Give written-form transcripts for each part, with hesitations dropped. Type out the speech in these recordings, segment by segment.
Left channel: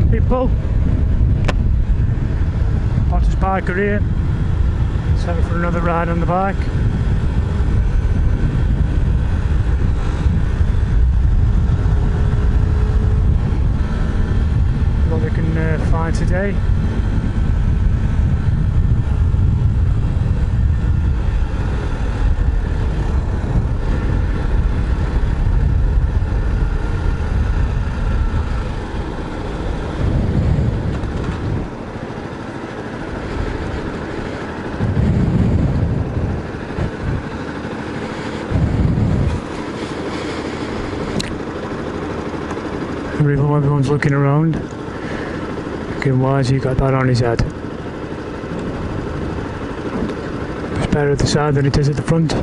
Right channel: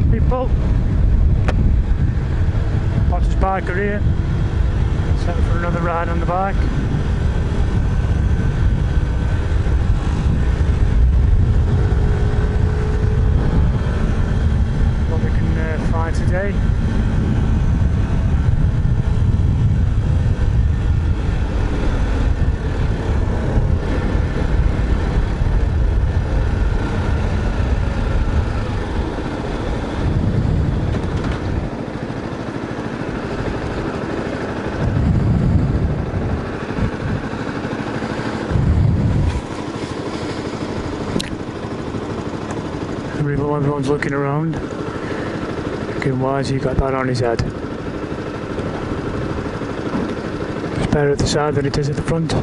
then people, hottest biker here, set up for another ride on the bike. What we can find today. Everyone's looking around. Why has he got that on his head? It's better at the side than it is at the front.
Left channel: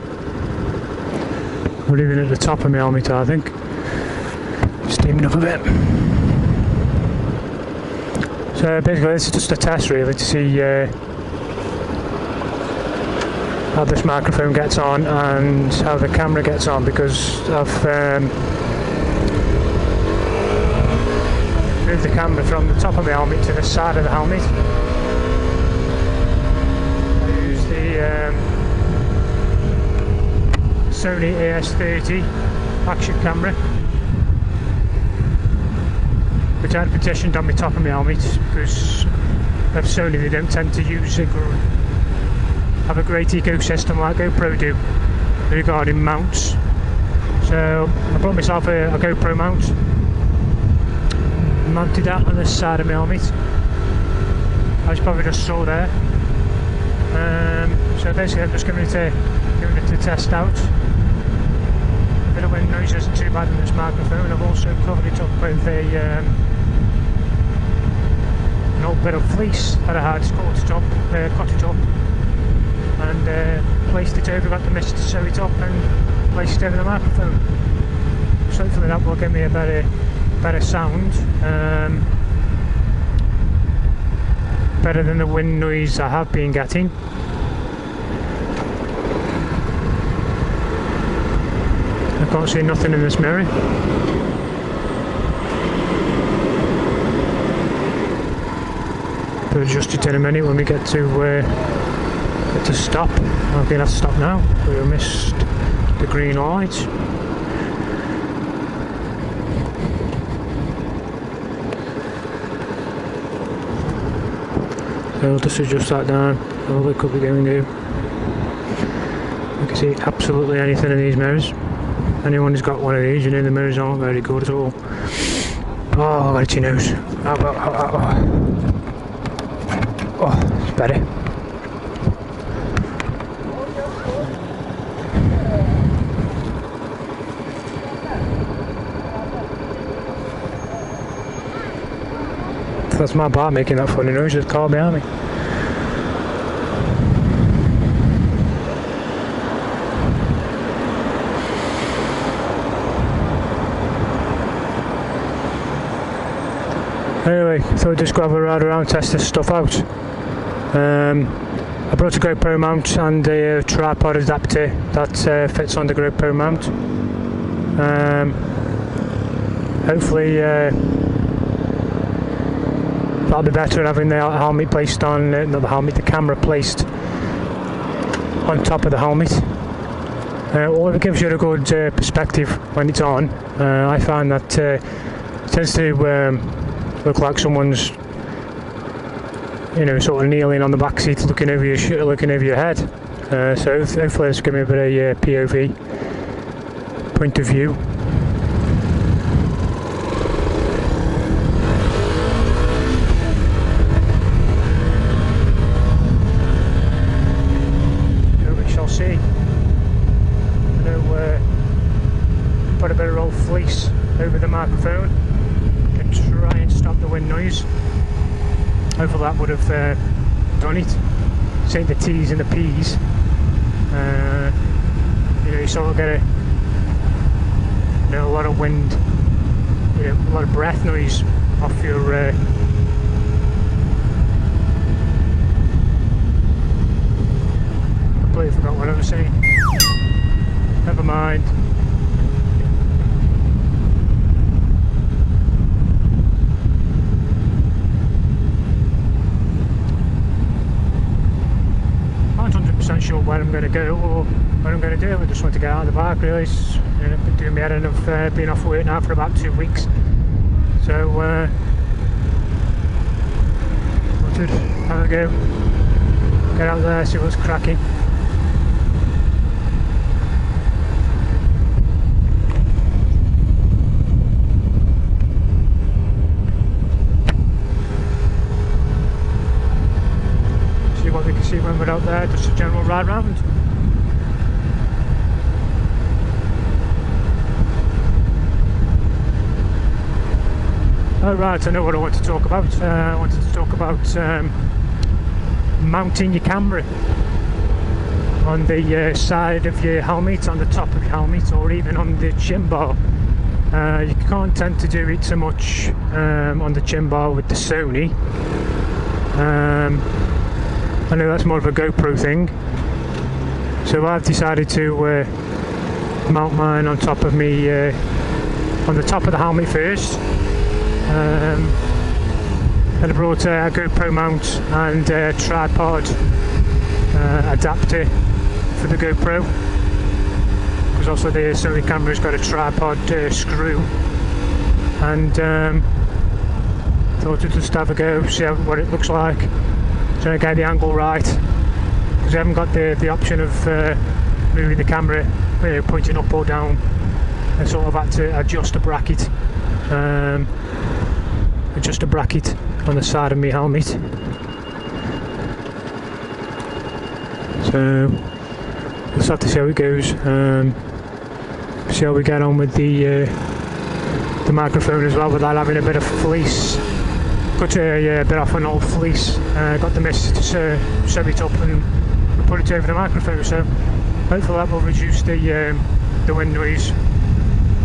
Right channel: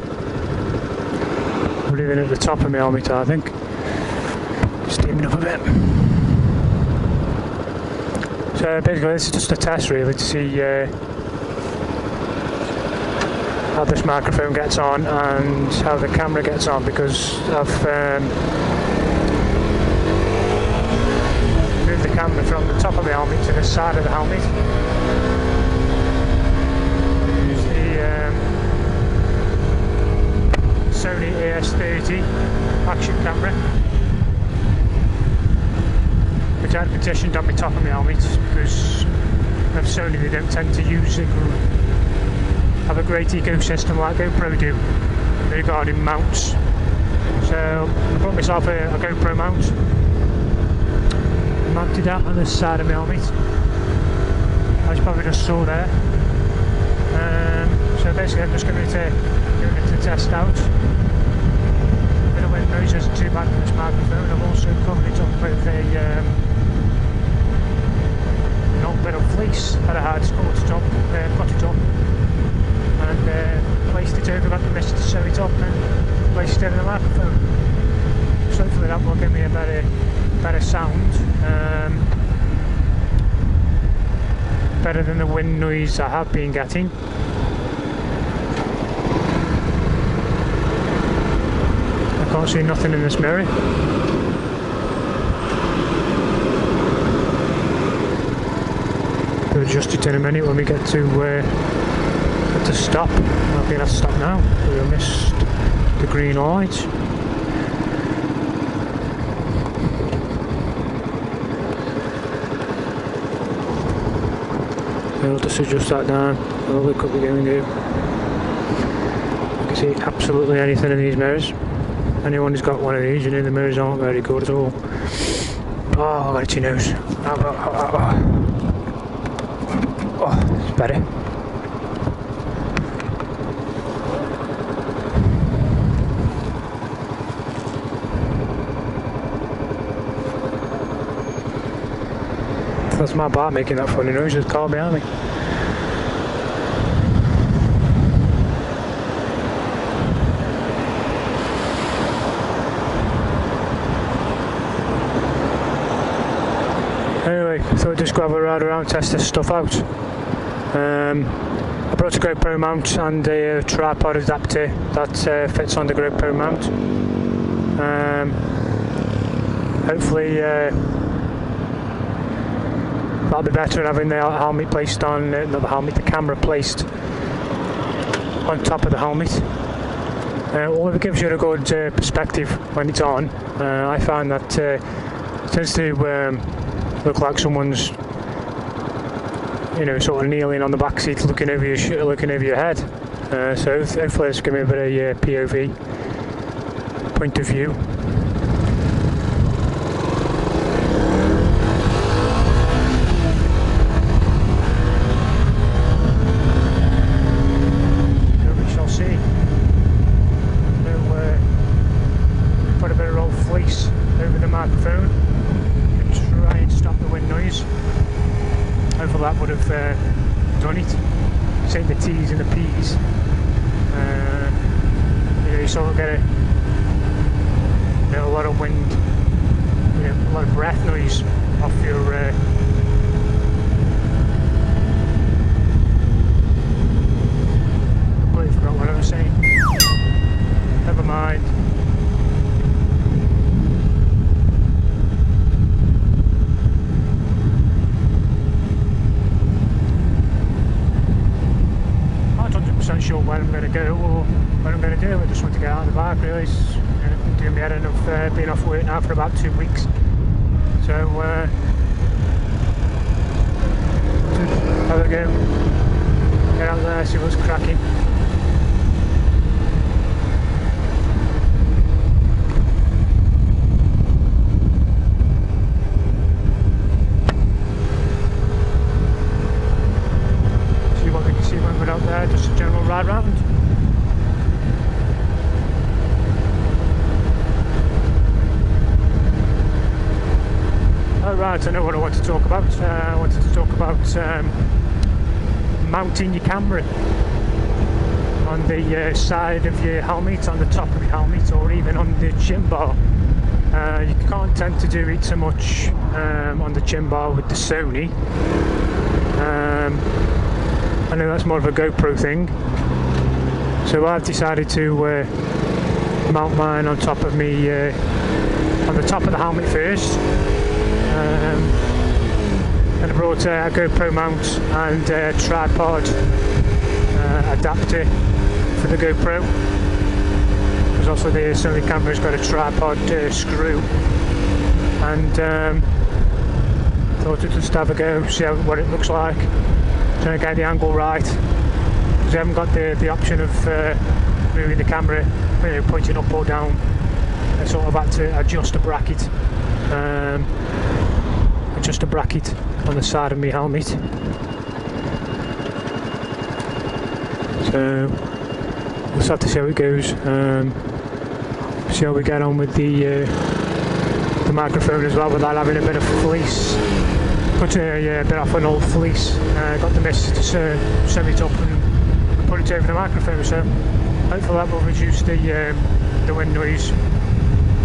Or even at the top of my helmet, I think. Steaming up a bit. So basically this is just a test really to see how this microphone gets on and how the camera gets on, because I've move the camera from the top of the helmet to the side of the helmet. I use the Sony AS30 action camera, which I had petitioned on the top of my helmet because of Sony. They don't tend to use it, have a great ecosystem like GoPro do regarding mounts. So I brought myself a GoPro mount. Mounted that on the side of my helmet, as you probably just saw there. So basically I'm just going to doing it to test out. A bit of wind noise isn't too bad with this microphone. I've also covered it up with an old bit of fleece that I had cut it up and placed it over, got the mist to sew it up and placed it over the microphone. So hopefully that will give me a better sound, better than the wind noise I have been getting. I can't see nothing in this mirror. I'll adjust it in a minute when we get to stop. I'm going to have to stop now. We missed the green light. I'll just adjust that down. I'll look up again and go. You can see absolutely anything in these mirrors. Anyone who's got one of these, you know the mirrors aren't very good at all. Oh, I got itchy nose. Oh, it's better. That's my bike making that funny noise, there's a car behind me. Anyway, so we'll just go have a ride around, test this stuff out. I brought a GoPro mount and a tripod adapter that fits on the GoPro mount. Hopefully that'll be better than having the helmet placed on, not the helmet, the camera placed on top of the helmet. All of it gives you a good perspective when it's on. I find that it tends to look like someone's, you know, sort of kneeling on the back seat, looking over your head. So hopefully it's giving me a bit of POV, point of view. See, put a bit of old fleece over the microphone and try and stop the wind noise. Hopefully that would have done it. Same the T's and the P's. You know, you sort of get a lot of wind, you know, a lot of breath noise off your completely forgot what I was saying. Never mind. aren't 100% sure where I'm going to go or what I'm going to do. I just want to get out on the bike really. It's, you know, been doing my head in of being off work now for about 2 weeks. So just have a go, get out there, see what's cracking. See what we can see when we're out there, just a general ride round. Oh right, I know what I want to talk about. I wanted to talk about mounting your camera on the side of your helmet, on the top of your helmet, or even on the chin bar. You can't tend to do it so much on the chin bar with the Sony. I know that's more of a GoPro thing, so I've decided to mount mine on top of me, on the top of the helmet first. And I brought a GoPro mount and a tripod adapter for the GoPro, because also the Sony camera's got a tripod screw, and thought I'd just have a go, see what it looks like, trying to get the angle right, because I haven't got the option of moving the camera, you know, pointing up or down. I sort of had to adjust a bracket. Just a bracket on the side of my helmet. So we'll just have to see how it goes. See how we get on with the microphone as well, without having a bit of fleece. Cut a bit off an old fleece. Got the missus to sew it up and put it over the microphone. So hopefully that will reduce the wind noise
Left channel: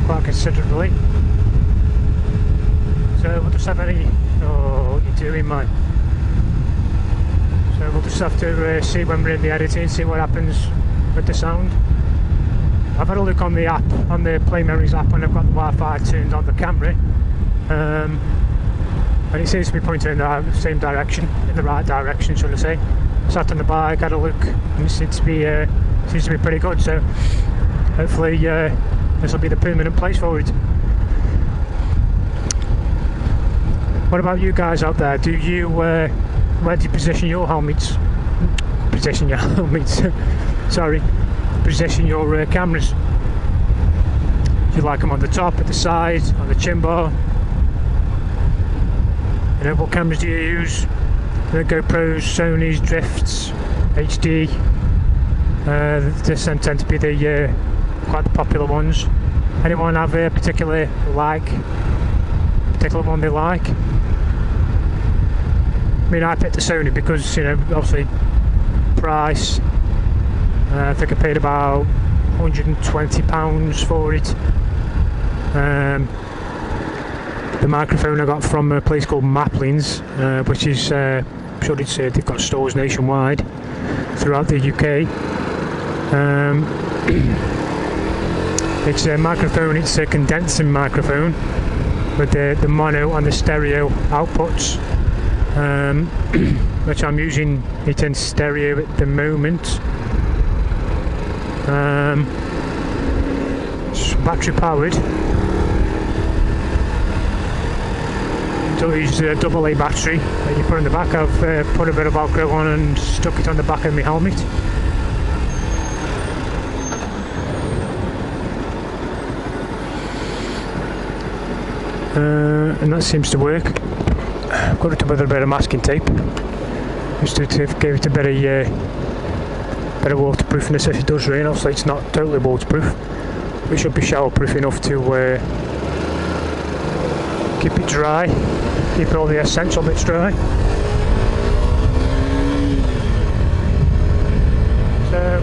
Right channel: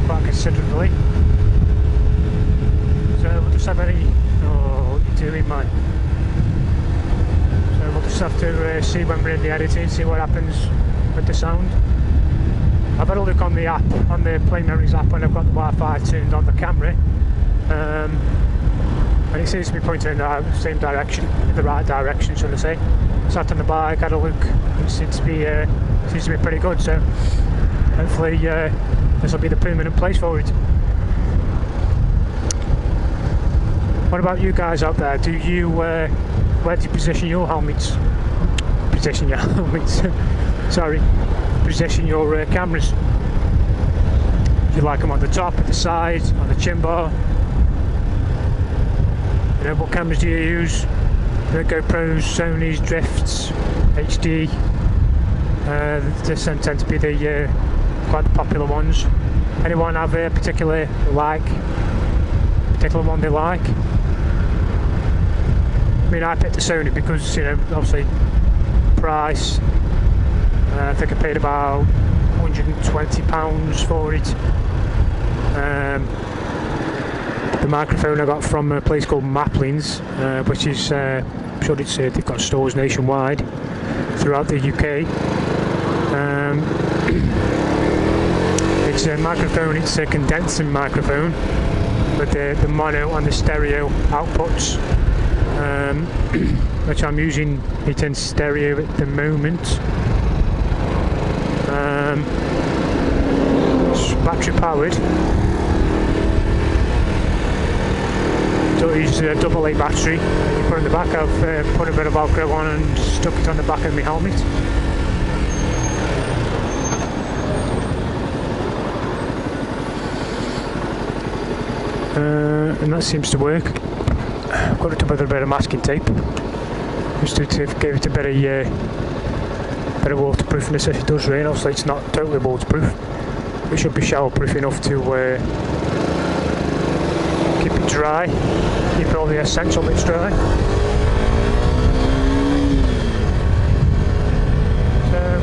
quite considerably. So we'll just have any. Oh, what are you doing, mate? So we'll just have to see when we're in the editing, see what happens with the sound. I've had a look on the app, on the Play Memories app, when I've got the Wi-Fi tuned on the camera, and it seems to be pointing in the same direction, in the right direction, should I say. Sat on the bike, had a look, and it seems to be pretty good. So hopefully this will be the permanent place for it. What about you guys out there? Do you where do you position your helmets? Position your helmets. Sorry, position your cameras. Do you like them on the top, at the side, on the chin bar? You know, what cameras do you use? The GoPros, Sonys, Drifts, HD. This tend to be the quite the popular ones. Anyone have a particular one they like? I mean, I picked the Sony because, you know, obviously price. I think I paid about £120 for it. The microphone I got from a place called Maplins, which is, I'm sure it's they've got stores nationwide throughout the UK. It's a microphone, it's a condensing microphone with the mono and the stereo outputs. Which I'm using it in stereo at the moment. It's battery powered. So it's a AA battery that you put in the back. I've put a bit of Velcro on and stuck it on the back of my helmet. And that seems to work. I've got it with a bit of masking tape just to give it a bit of waterproofness if it does rain. Obviously it's not totally waterproof. It should be showerproof enough to keep it dry, keep all the essential bits dry. So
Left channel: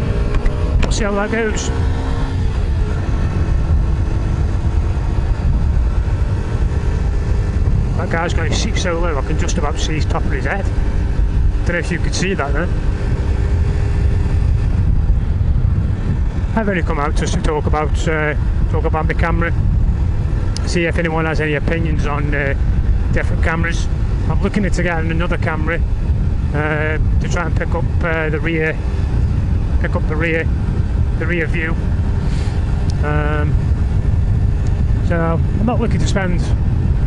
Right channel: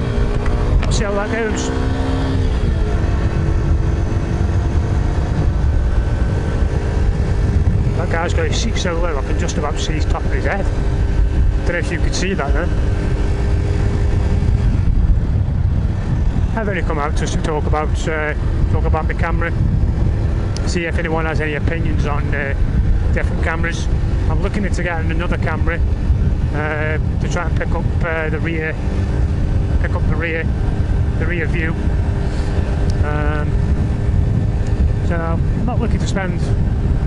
we'll see how that goes. That guy's got his seat so low I can just about see his top of his head. Don't know if you could see that then. I've only come out just to talk about my camera, see if anyone has any opinions on different cameras. I'm looking into getting another camera to try and pick up the rear pick up the rear view. So I'm not looking to spend,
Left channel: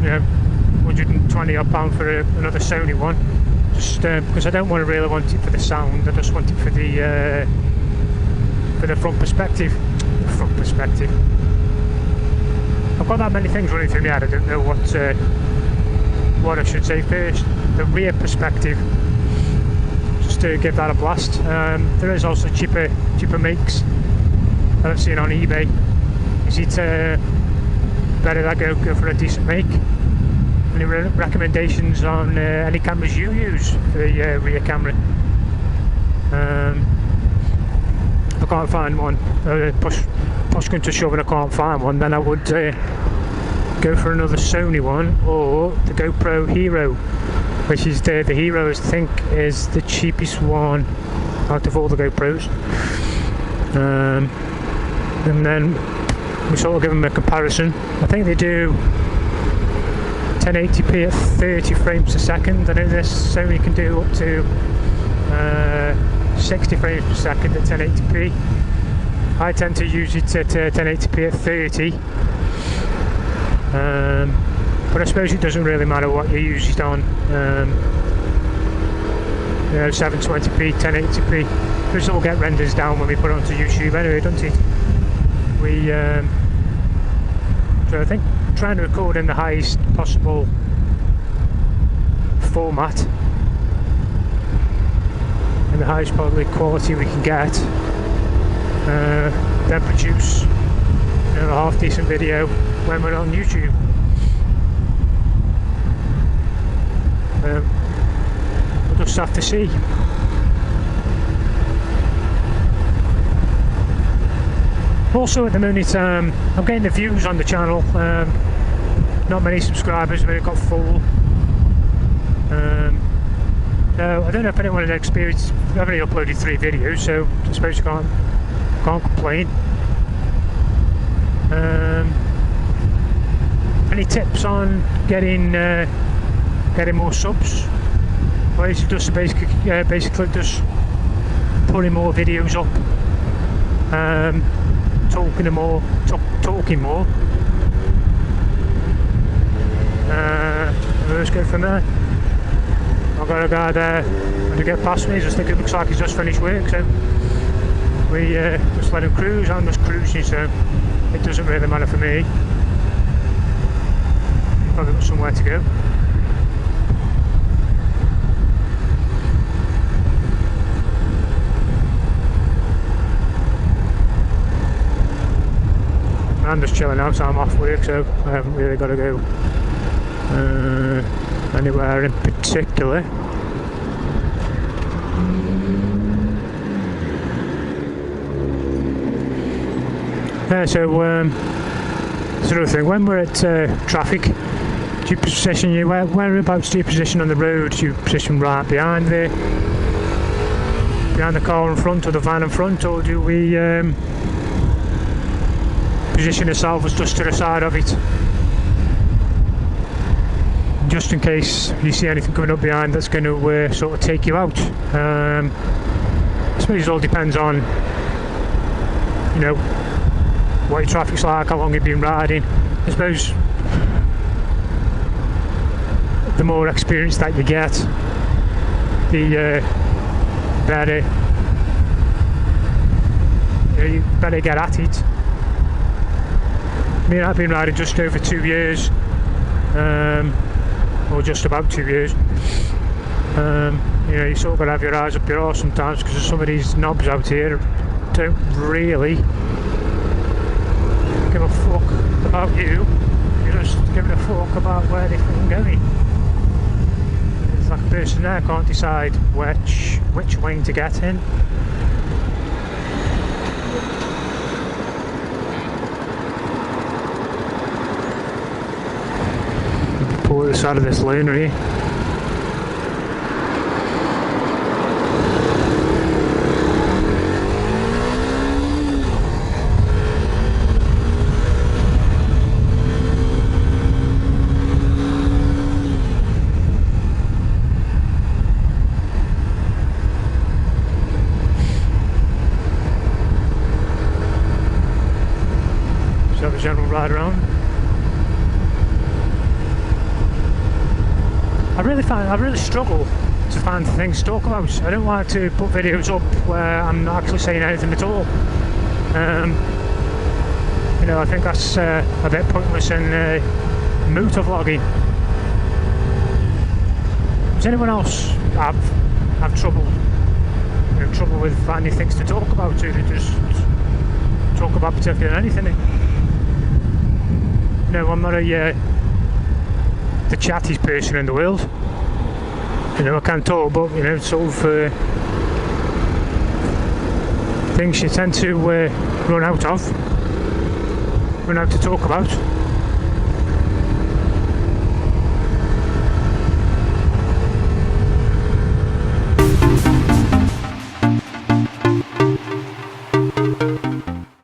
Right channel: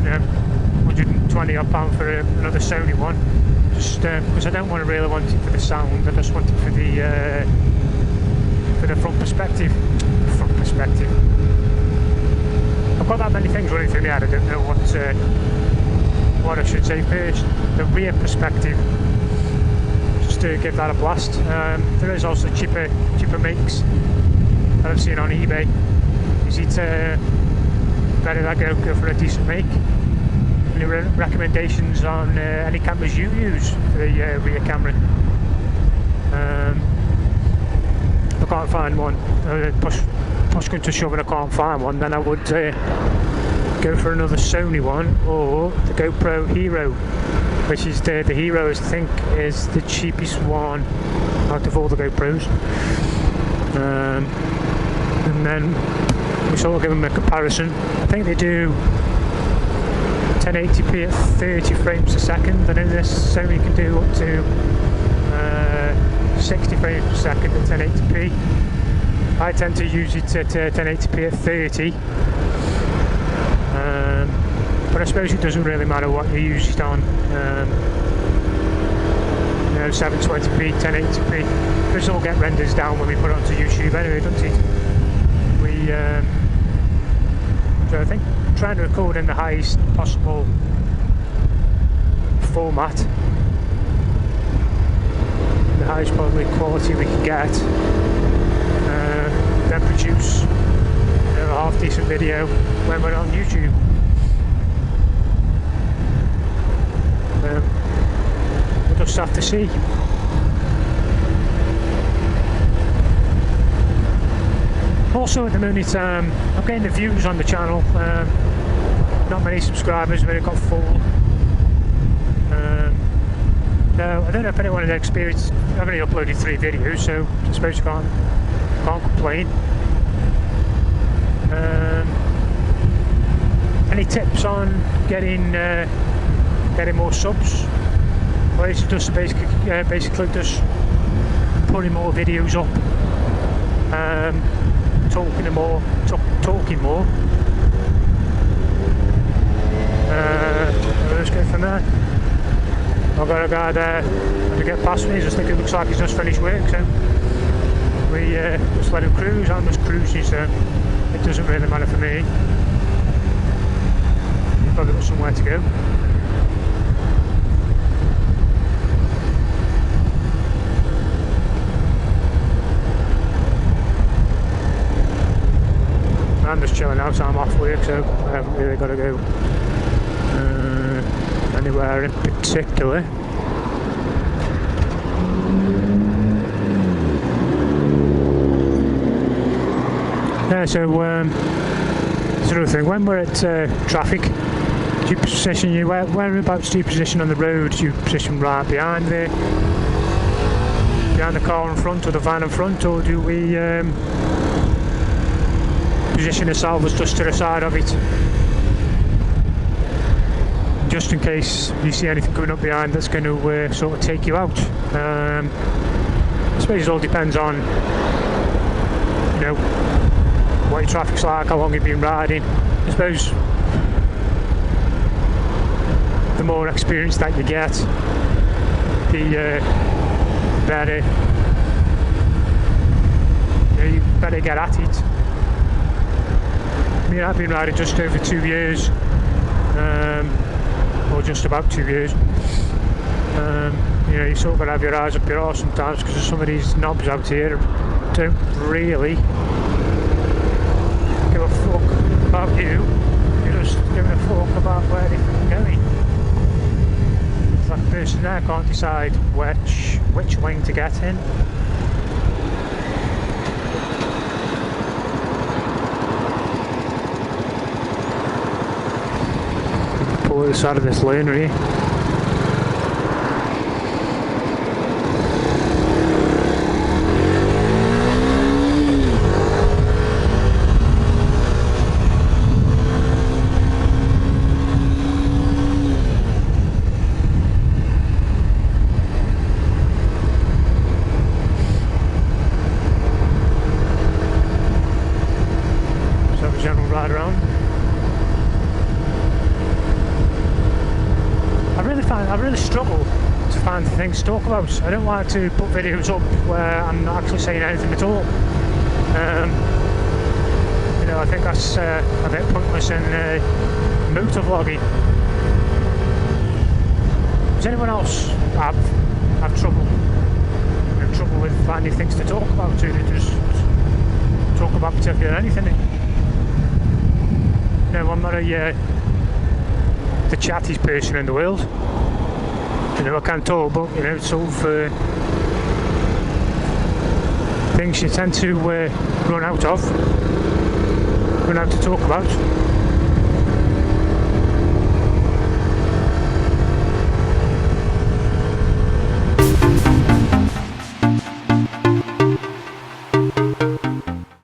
you know, 120 odd pound for another Sony one, just because I don't really want it for the sound. I just want it for the front perspective. I've got that many things running through my head. I don't know what I should say first. The rear perspective, just to give that a blast. There is also cheaper makes that I've seen on eBay. Is it better that I go for a decent make? Any recommendations on any cameras you use for the rear camera? If I can't find one, push come to shove and I can't find one, then I would go for another Sony one, or the GoPro Hero, which is the Hero, I think, is the cheapest one out of all the GoPros. And then we sort of give them a comparison. I think they do 1080p at 30 frames a second. I know this Sony can do up to 60 frames per second at 1080p. I tend to use it at 1080p at 30. But I suppose it doesn't really matter what you use it on. You know, 720p, 1080p. This all get renders down when we put it onto YouTube anyway, doesn't it? So I think trying to record in the highest possible format, in the highest possible quality we can get, then produce, you know, a half decent video when we're on YouTube. We'll just have to see. Also at the minute, I'm getting the views on the channel, not many subscribers, but it got full. So I don't know if anyone had experienced, I've only uploaded 3 videos, so I suppose you can't complain. Any tips on getting more subs? Well, it's just basically just putting more videos up, talking more. Let's go from there. I've got a guy there to get past me. I just think it looks like he's just finished work, so we just let him cruise. I'm just cruising, so it doesn't really matter for me. He's probably got somewhere to go. I'm just chilling out, so I'm off work, so I haven't really got to go anywhere in particular. Yeah, so sort of thing. When we're at traffic, do you position whereabouts do you position on the road? Do you position right behind the car in front, or the van in front, or do we position ourselves just to the side of it, just in case you see anything coming up behind that's going to sort of take you out? I suppose it all depends on, you know, what your traffic's like, how long you've been riding. I suppose the more experience that you get, the better, you better get at it. I mean, I've been riding just over 2 years, or just about 2 years. You know, you sort of got to have your eyes up your arse sometimes, because some of these knobs out here don't really give a fuck about you. You're just giving a fuck about where they're fucking going. It's like a person there can't decide which lane to get in. Pull this out of this lane here. general ride around. I really struggle to find things to talk about. I don't like to put videos up where I'm not actually saying anything at all. You know, I think that's a bit pointless in motovlogging. Does anyone else have trouble with finding things to talk about, or they just talk about particularly anything? No, I'm not the chattiest person in the world. You know, I can talk, but you know, sort of things you tend to run out to talk about.